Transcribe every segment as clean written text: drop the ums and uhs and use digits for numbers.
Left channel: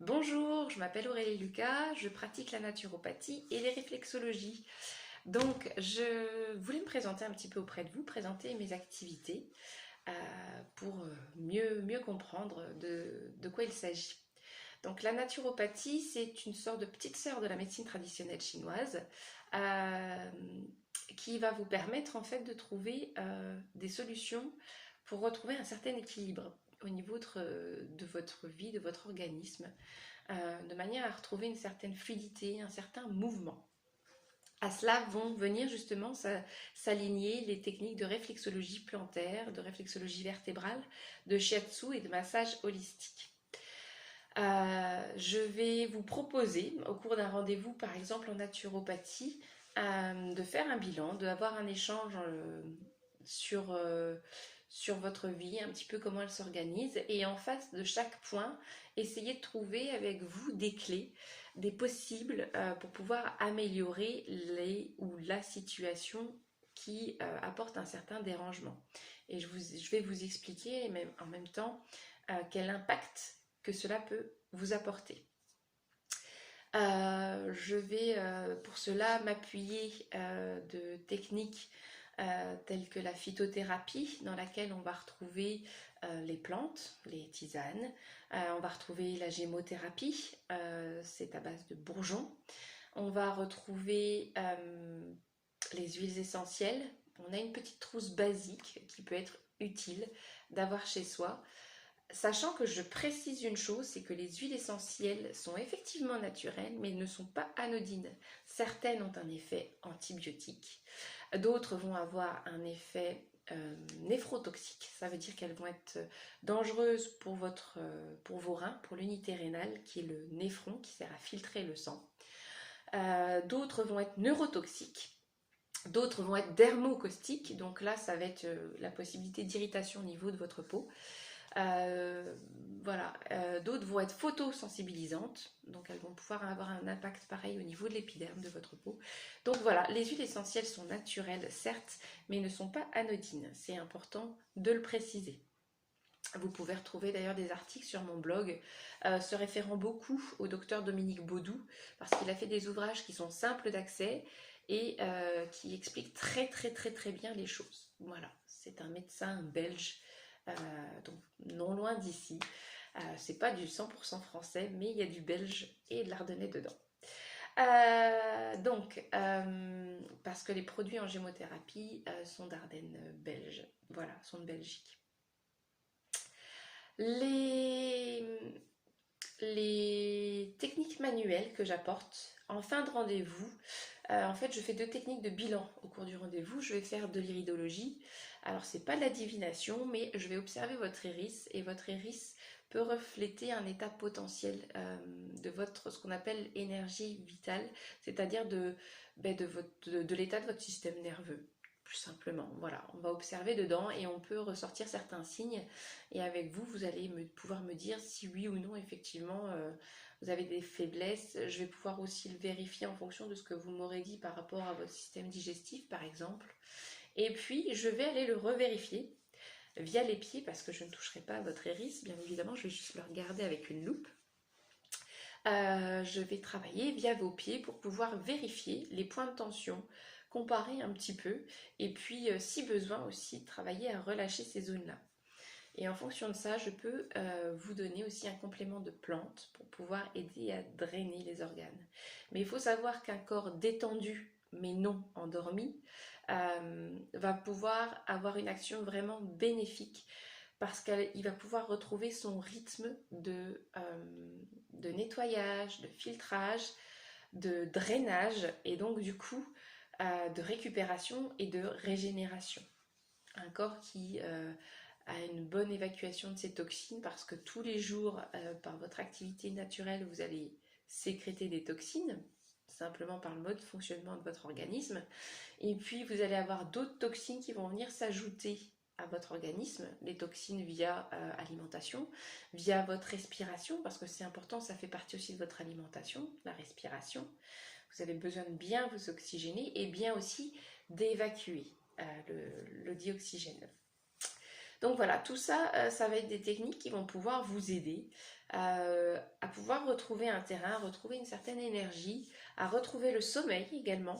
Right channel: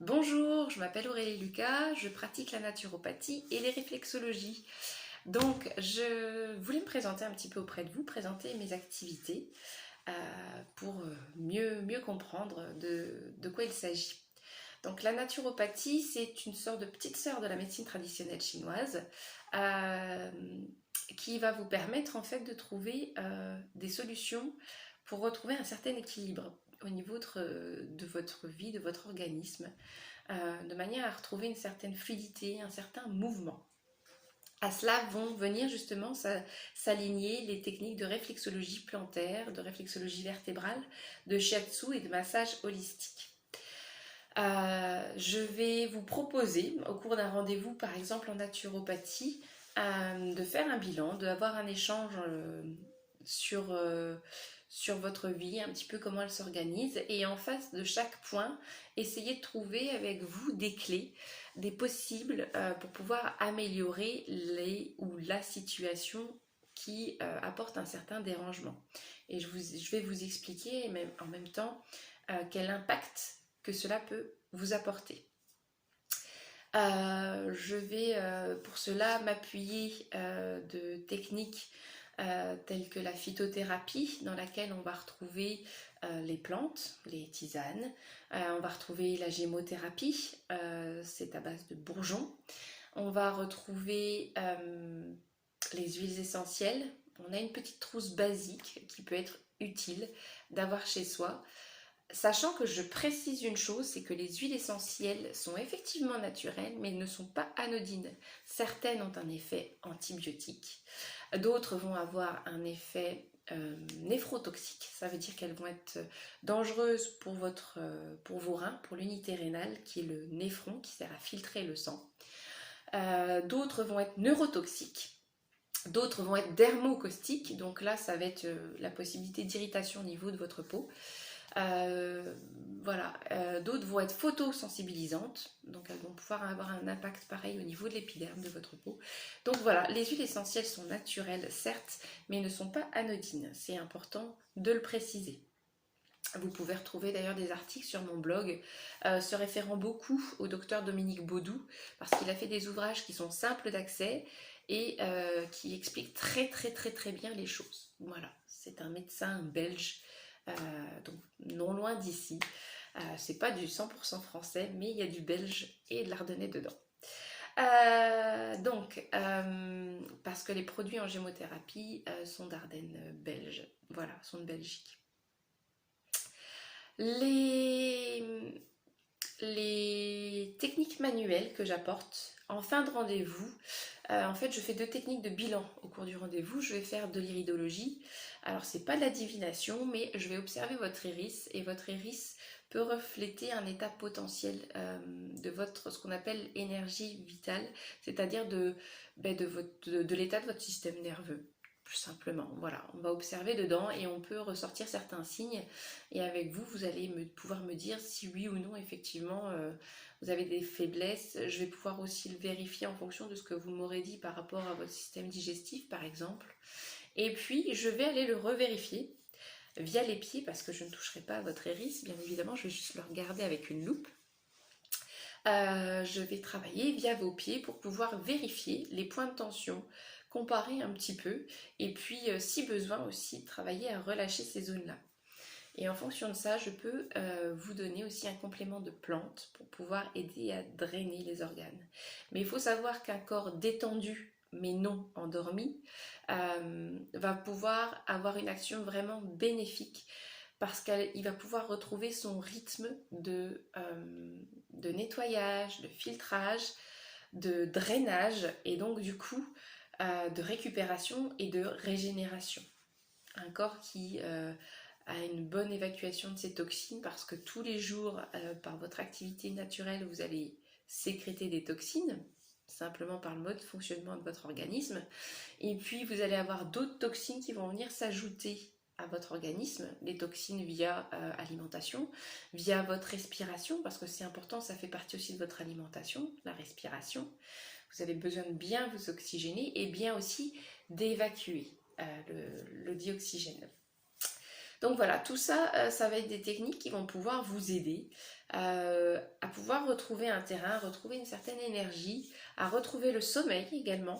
Bonjour, je m'appelle Aurélie Lucas, je pratique la naturopathie et les réflexologies. Donc, je voulais me présenter un petit peu auprès de vous, présenter mes activités euh, pour mieux comprendre de quoi il s'agit. Donc, la naturopathie, c'est une sorte de petite sœur de la médecine traditionnelle chinoise euh, qui va vous permettre en fait de trouver des solutions pour retrouver un certain équilibre au niveau de votre vie, de votre organisme, de manière à retrouver une certaine fluidité, un certain mouvement. À cela vont venir justement s'aligner les techniques de réflexologie plantaire, de réflexologie vertébrale, de shiatsu et de massage holistique. Je vais vous proposer, au cours d'un rendez-vous par exemple en naturopathie, de faire un bilan, d'avoir un échange sur votre vie, un petit peu comment elle s'organise, et en face de chaque point, essayez de trouver avec vous des clés, des possibles pour pouvoir améliorer les ou la situation qui apporte un certain dérangement. Et je vais vous expliquer même, en même temps quel impact que cela peut vous apporter. Je vais pour cela m'appuyer de techniques telles que la phytothérapie, dans laquelle on va retrouver les plantes, les tisanes. On va retrouver la gémothérapie, c'est à base de bourgeons. On va retrouver les huiles essentielles. On a une petite trousse basique qui peut être utile d'avoir chez soi. Sachant que je précise une chose, c'est que les huiles essentielles sont effectivement naturelles, mais ne sont pas anodines. Certaines ont un effet antibiotique, d'autres vont avoir un effet néphrotoxique, ça veut dire qu'elles vont être dangereuses pour vos reins, pour l'unité rénale, qui est le néphron, qui sert à filtrer le sang. D'autres vont être neurotoxiques. D'autres vont être dermocaustiques, donc là ça va être la possibilité d'irritation au niveau de votre peau. D'autres vont être photosensibilisantes, donc elles vont pouvoir avoir un impact pareil au niveau de l'épiderme de votre peau. Donc voilà, les huiles essentielles sont naturelles, certes, mais ne sont pas anodines. C'est important de le préciser. Vous pouvez retrouver d'ailleurs des articles sur mon blog se référant beaucoup au docteur Dominique Baudou, parce qu'il a fait des ouvrages qui sont simples d'accès et qui expliquent très bien les choses. Voilà, c'est un médecin belge, donc non loin d'ici. C'est pas du 100% français, mais il y a du belge et de l'ardennais dedans. Parce que les produits en gémothérapie sont d'Ardennes belges, voilà, sont de Belgique. Les techniques manuelles que j'apporte en fin de rendez-vous, en fait je fais 2 techniques de bilan au cours du rendez-vous. Je vais faire de l'iridologie. Alors c'est pas de la divination, mais je vais observer votre iris, et votre iris peut refléter un état potentiel de ce qu'on appelle énergie vitale, c'est-à-dire de l'état de votre système nerveux. Plus simplement, voilà, on va observer dedans et on peut ressortir certains signes, et avec vous, vous allez pouvoir me dire si oui ou non effectivement vous avez des faiblesses. Je vais pouvoir aussi le vérifier en fonction de ce que vous m'aurez dit par rapport à votre système digestif par exemple, et puis je vais aller le revérifier via les pieds, parce que je ne toucherai pas à votre iris, bien évidemment, je vais juste le regarder avec une loupe. Je vais travailler via vos pieds pour pouvoir vérifier les points de tension, comparer un petit peu, et puis si besoin aussi travailler à relâcher ces zones-là. Et en fonction de ça, je peux vous donner aussi un complément de plantes pour pouvoir aider à drainer les organes. Mais il faut savoir qu'un corps détendu, mais non endormi, va pouvoir avoir une action vraiment bénéfique, parce qu'il va pouvoir retrouver son rythme de nettoyage, de filtrage, de drainage, et donc du coup de récupération et de régénération. Un corps qui a une bonne évacuation de ses toxines, parce que tous les jours, par votre activité naturelle, vous allez sécréter des toxines, simplement par le mode de fonctionnement de votre organisme. Et puis vous allez avoir d'autres toxines qui vont venir s'ajouter à votre organisme, les toxines via alimentation, via votre respiration, parce que c'est important, ça fait partie aussi de votre alimentation, la respiration. Vous avez besoin de bien vous oxygéner et bien aussi d'évacuer le dioxygène. Donc voilà, tout ça, ça va être des techniques qui vont pouvoir vous aider à pouvoir pouvoir retrouver un terrain, retrouver une certaine énergie, à retrouver le sommeil également.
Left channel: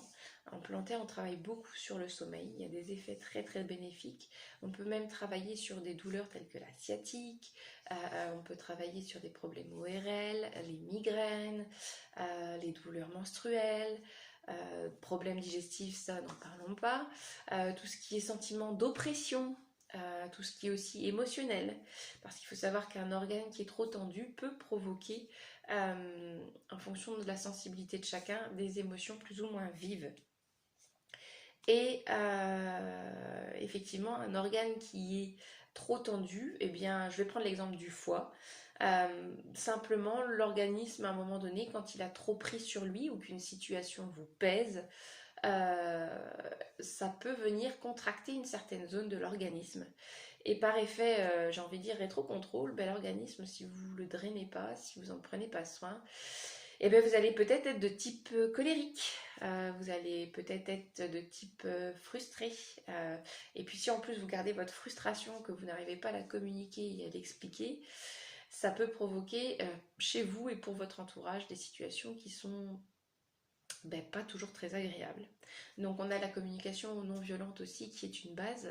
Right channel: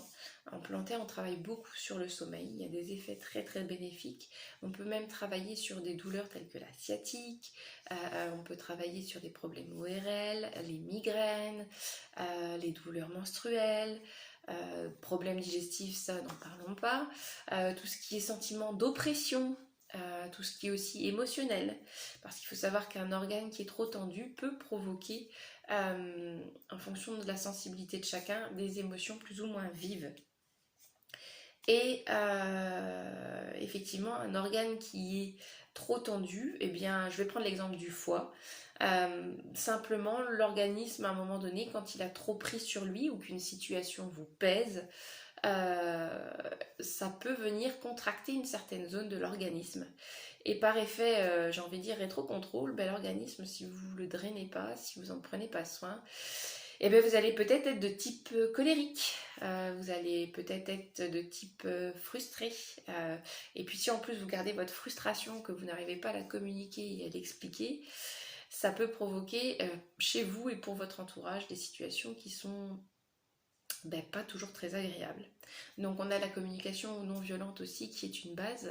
En plantaire, on travaille beaucoup sur le sommeil, il y a des effets très très bénéfiques. On peut même travailler sur des douleurs telles que la sciatique, on peut travailler sur des problèmes ORL, les migraines, les douleurs menstruelles, problèmes digestifs, ça n'en parlons pas, tout ce qui est sentiment d'oppression, tout ce qui est aussi émotionnel, parce qu'il faut savoir qu'un organe qui est trop tendu peut provoquer, en fonction de la sensibilité de chacun, des émotions plus ou moins vives. Et effectivement, un organe qui est trop tendu, eh bien, je vais prendre l'exemple du foie. Simplement, l'organisme, à un moment donné, quand il a trop pris sur lui ou qu'une situation vous pèse, ça peut venir contracter une certaine zone de l'organisme. Et par effet, j'ai envie de dire rétro-contrôle, ben, l'organisme, si vous ne le drainez pas, si vous n'en prenez pas soin, eh bien, vous allez peut-être être de type colérique, vous allez peut-être être de type frustré. Et puis si en plus vous gardez votre frustration, que vous n'arrivez pas à la communiquer et à l'expliquer, ça peut provoquer chez vous et pour votre entourage des situations qui sont pas toujours très agréables. Donc on a la communication non violente aussi qui est une base,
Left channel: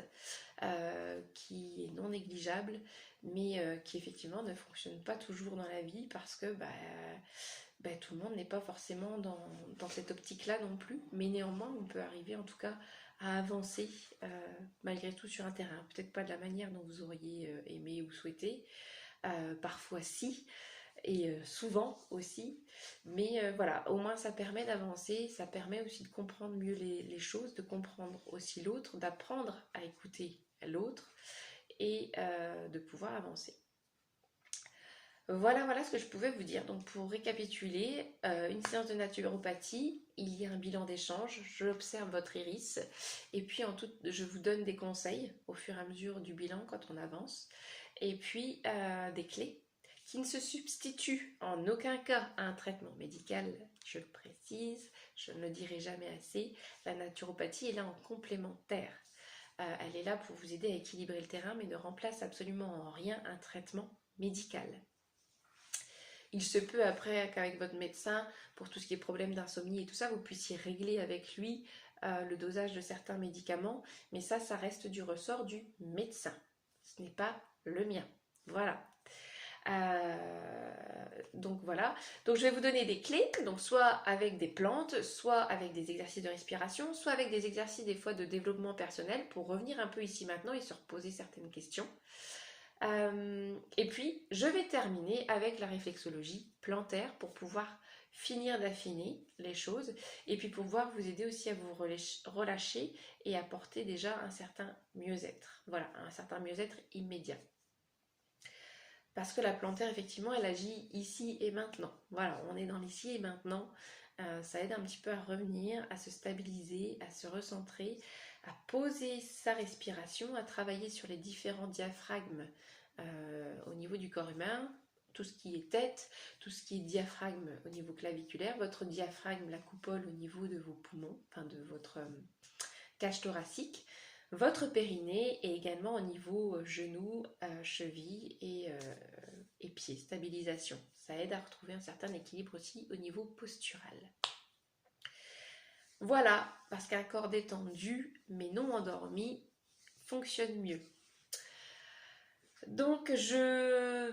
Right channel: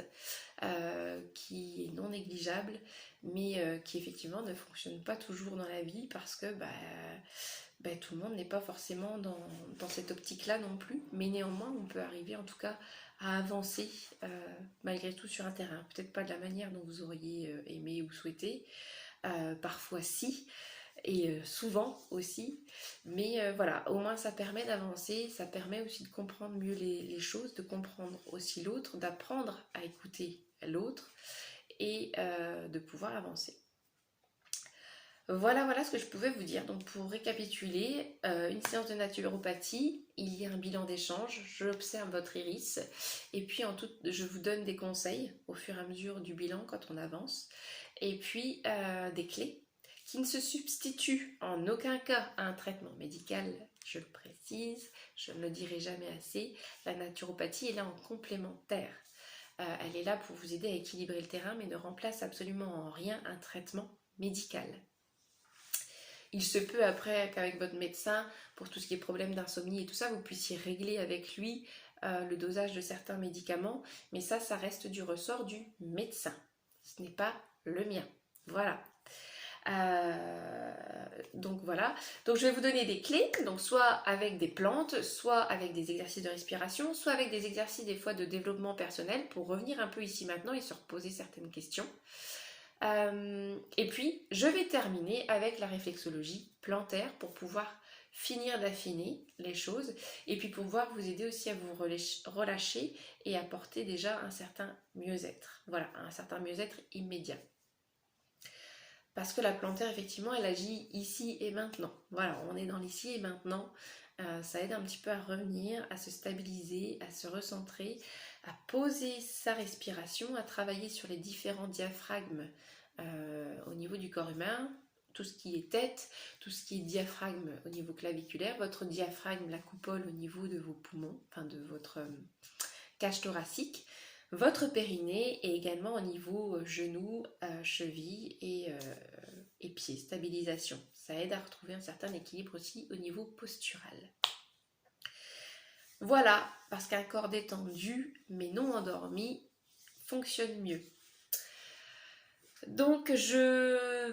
qui est non négligeable, mais qui effectivement ne fonctionne pas toujours dans la vie parce que tout le monde n'est pas forcément dans cette optique-là non plus, mais néanmoins on peut arriver en tout cas à avancer malgré tout sur un terrain. Peut-être pas de la manière dont vous auriez aimé ou souhaité, parfois si, et souvent aussi, mais voilà, au moins ça permet d'avancer, ça permet aussi de comprendre mieux les choses, de comprendre aussi l'autre, d'apprendre à écouter l'autre et de pouvoir avancer. Voilà ce que je pouvais vous dire. Donc pour récapituler, une séance de naturopathie, il y a un bilan d'échange, j'observe votre iris et puis je vous donne des conseils au fur et à mesure du bilan quand on avance et puis des clés qui ne se substituent en aucun cas à un traitement médical, je le précise, je ne le dirai jamais assez. La naturopathie est là en complémentaire. Elle est là pour vous aider à équilibrer le terrain mais ne remplace absolument en rien un traitement médical. Il se peut après qu'avec votre médecin, pour tout ce qui est problème d'insomnie et tout ça, vous puissiez régler avec lui le dosage de certains médicaments, mais ça reste du ressort du médecin. Ce n'est pas le mien. Voilà. Donc voilà. Donc je vais vous donner des clés, donc soit avec des plantes, soit avec des exercices de respiration, soit avec des exercices des fois de développement personnel pour revenir un peu ici maintenant et se reposer certaines questions. Et puis, je vais terminer avec la réflexologie plantaire pour pouvoir finir d'affiner les choses et puis pouvoir vous aider aussi à vous relâcher et apporter déjà un certain mieux-être. Voilà, un certain mieux-être immédiat. Parce que la plantaire, effectivement, elle agit ici et maintenant. Voilà, on est dans l'ici et maintenant. Ça aide un petit peu à revenir, à se stabiliser, à se recentrer, à poser sa respiration, à travailler sur les différents diaphragmes au niveau du corps humain, tout ce qui est tête, tout ce qui est diaphragme au niveau claviculaire, votre diaphragme, la coupole au niveau de vos poumons, enfin de votre cage thoracique, votre périnée et également au niveau genoux, chevilles et pieds, stabilisation. Ça aide à retrouver un certain équilibre aussi au niveau postural. Voilà, parce qu'un corps détendu, mais non endormi, fonctionne mieux. Donc,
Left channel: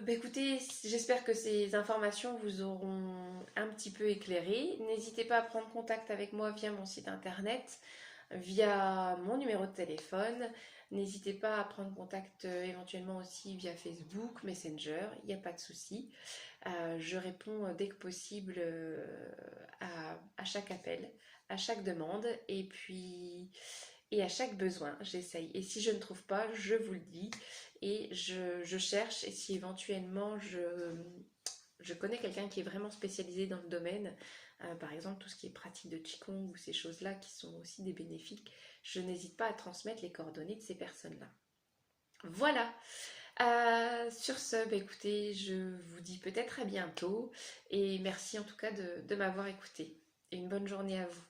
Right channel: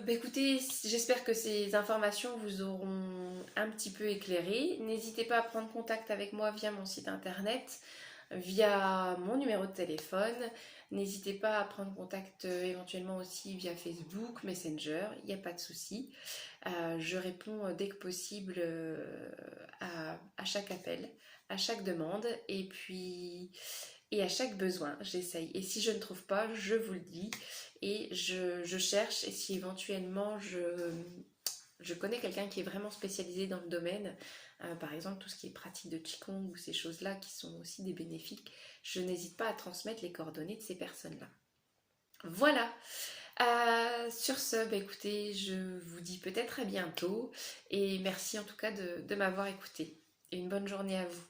écoutez, j'espère que ces informations vous auront un petit peu éclairé. N'hésitez pas à prendre contact avec moi via mon site internet, via mon numéro de téléphone. N'hésitez pas à prendre contact éventuellement aussi via Facebook, Messenger, il n'y a pas de souci. Je réponds dès que possible à chaque appel, à chaque demande et à chaque besoin, j'essaye. Et si je ne trouve pas, je vous le dis et je cherche. Et si éventuellement je connais quelqu'un qui est vraiment spécialisé dans le domaine, par exemple tout ce qui est pratique de Qigong ou ces choses-là qui sont aussi des bénéfiques, je n'hésite pas à transmettre les coordonnées de ces personnes-là. Voilà. Sur ce, écoutez, je vous dis peut-être à bientôt et merci en tout cas de m'avoir écouté. Et une bonne journée à vous.